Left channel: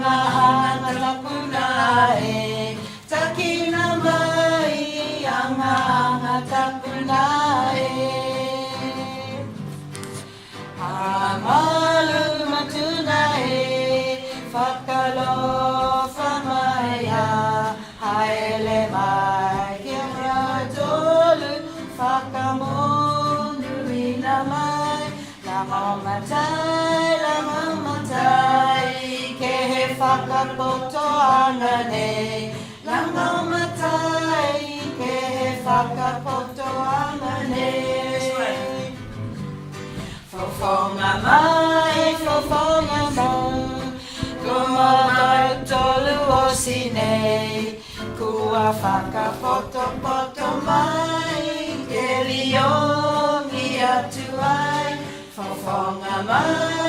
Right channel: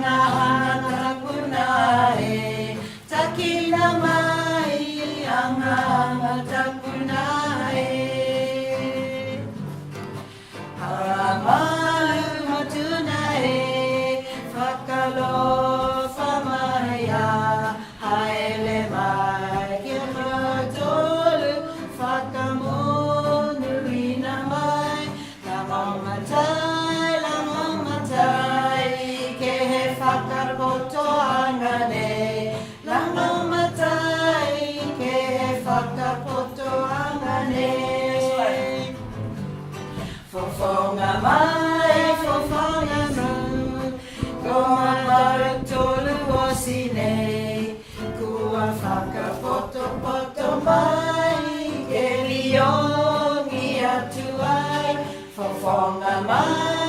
anga tapunae, takina mai, anga tapunae. Amalu matunae, whakalofa mai a, haele mai, kia tolu, whakamonu ina mai, la mamatai, ke he whakapoto angane, la mamatai, ke he whakapoto angane. Fofonga mai, kua marutolu o sinei, kua whakapoto mai, ke liongi atu ai, fofonga mai.